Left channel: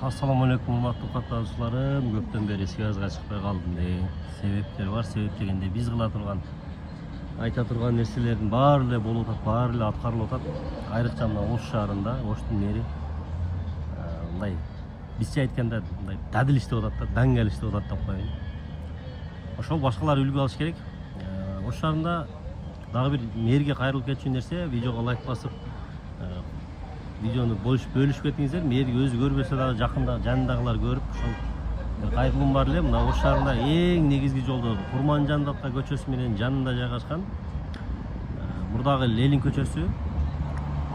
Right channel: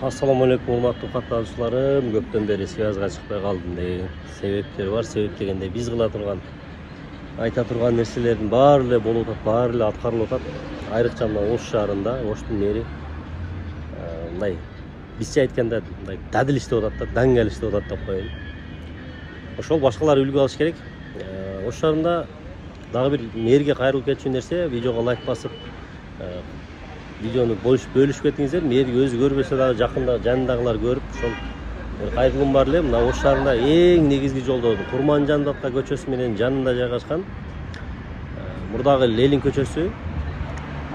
Assalamu alaikum урматтуу катталуучуларым. Көптөн бери связга чыкпай калдым деген себептер бар. Себеп дегенде биз кыла турган, айта турган нерселердин баары эле болуп атат, баары эле аткарылып атат. Айрыкча мына Ош шаарында, Оштун мэри мындай бизче айтканда мындай дадил иштеп атат да, даңгал иштеп атат деп коеюн. Ошол башкалар үлгү алыш керек. Ош шаарында дагы бир мэрге кайрылып кетчү нерсе, видеого лайк басып, видеону бөлүшүп кетиңиздер. Мэрги өзү көрбөсө дагы жакында жанындагылар көрүп, ошол кайрылым бар эле. Мына Ош шаарында эң негизги жолдордун Курманжан Датка көчөсү менен жанында жайгашкан мурдагы Ленин көчөсү,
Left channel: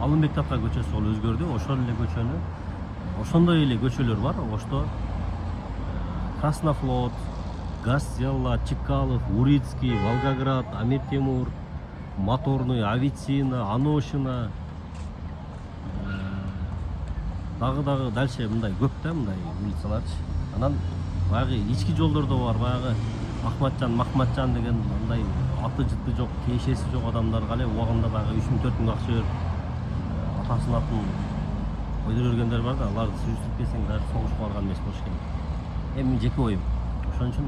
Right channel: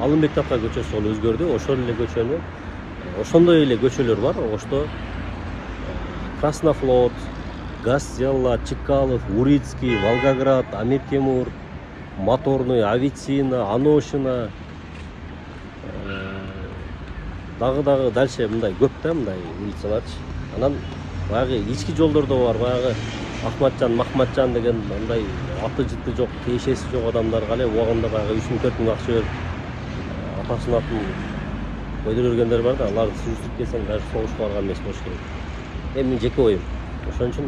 Алымбек Датка көчөсү ол өзгөрдү. Ошол эле көчөнү, ошондой эле көчөлөр бар Ошто. Краснофлот, Газ-Зелла, Чекалов, Урицкий, Волгоград, Амир Темур, Моторный, Авицина, Аношина, дагы дальше мындай көп да, мындай улицаларчы. Анан баягы ички жолдордо бар, баягы Ахматжан, Махматжан деген мындай аты жыты жок, тиешеси жок адамдарга эле убагында баягы 3-4 миң акча берип атасын атын койдуруп жүргөндөр бар да, аларды сүрүштүрүп келсең даже согушка барган эмес болуш керек. Менин жеке оюм. Ошон үчүн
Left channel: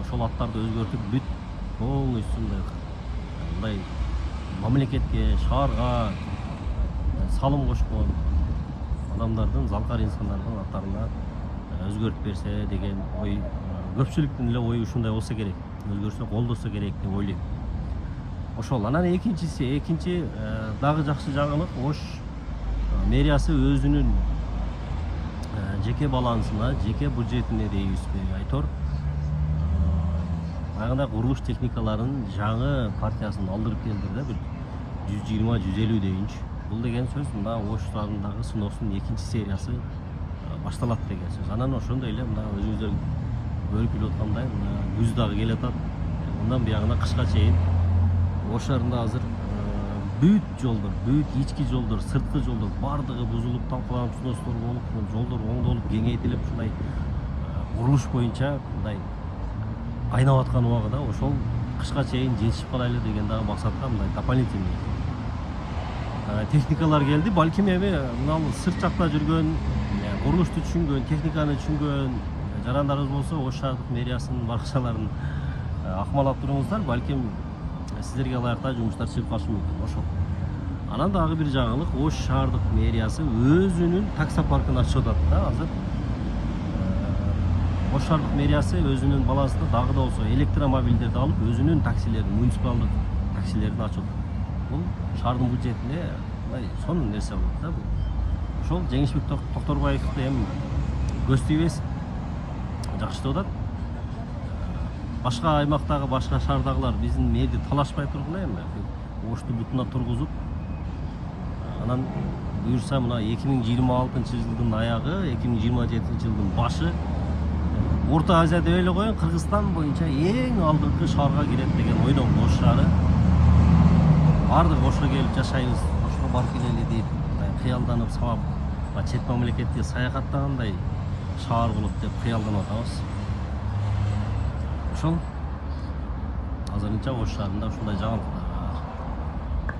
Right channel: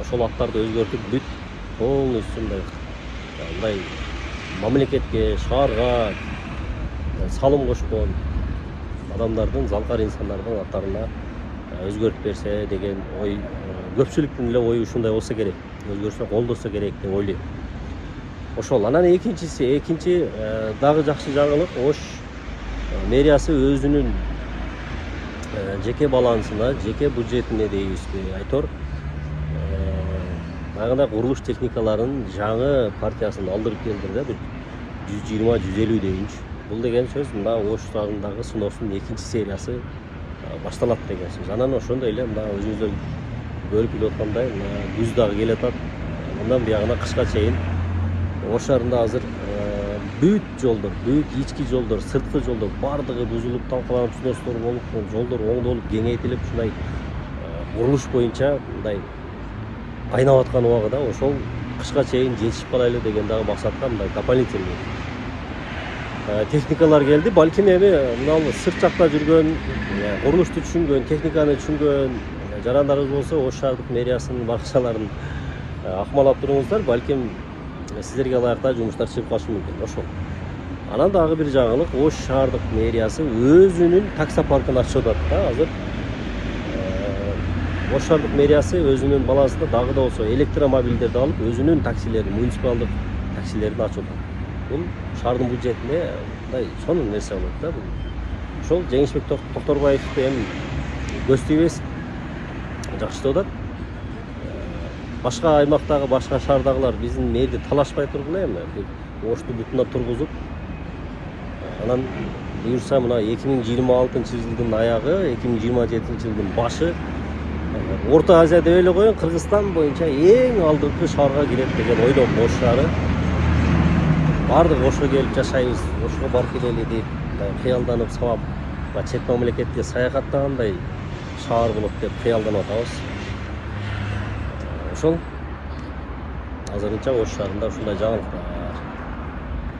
ошол аттарды өзгөртүп бүт полностью мындай мамлекетке, шаарга салым кошкон адамдардын, залкар инсандардын аттарына өзгөртүп берсе деген ой, көпчүлүктүн эле ою ушундай болсо керек, өзгөрсө колдосо керек деп ойлойм. Ошол. Анан экинчи дагы жакшы жаңылык, Ош мэриясы өзүнүн жеке балансына, жеке бюджетине дейбизби, айтор баягындай курулуш техникаларын жаңы партиясын алдырып келдир да, бир 120-150 дейинчи. Бул деген сөз мына Ош шаарындагы сыноосунун экинчи сериясы башталат деген сөз. Анан ошондой эле мына өзүңүздөр көрүп билип аткандай, мына күз дагы келатат. Мындан буягына кышка чейин Ош шаарында азыр бүт жолдор, бүт ички жолдор, сырткы жолдор бардыгы бузулуп, талкаланып, сынооштор болуп, жолдор оңдолуп, кеңейтилип, ушундай курулуш боюнча мындай кайнап аткан убагында ошол кышка чейин жетишип калайлы деген дагы максатка мындай дополнительный техникалар келди. Балким эми мына сырт жакта жүргөн, курулушту түшүнгөн, техниканы түшүнгөн жарандарыбыз болсо Ош шаардык мэриясынын баракчаларын акмалап туруңуздар. Балким сиздерге ылайыктуу жумуштар чыгып калышы мүмкүн. Ошол. Анан дагы бир жаңылык, Ош шаардык мэриясы өзүнүн таксопаркын ачып атат да. Азыр Ош шаардык мэриясы өзүнүн балансында дагы да болсо электромобилдерди алып, өзүнүн таксилерин, муниципалдык таксилерин ачып атат. Бул шаардын бюджетине мындай сонун нерсе болот да. Бул ошол Жеңишбек Токторбаевди эми көз тийбес, жакшы иштеп атат. Башка аймактагы, башка шаардагылар биздин мэрди талашпай тургула эми. Ошту бутуна тургузуп, анан буюрса мына 2026-жылдын аягы, 2027-жылдын башы Орто Азия деп эле коеюн, Кыргызстан боюнча эң алдыңкы шаарга кирет деген ойдом Ош шаары. Бардык Ошко келип жашайбыз, Ошко барып келели деп кыялданып, сабап, чет мамлекетке саякаттагандай шаар болот деп кыялданып атабыз. Ошол азырынча Ош шаарында ушундай жаңылыктар.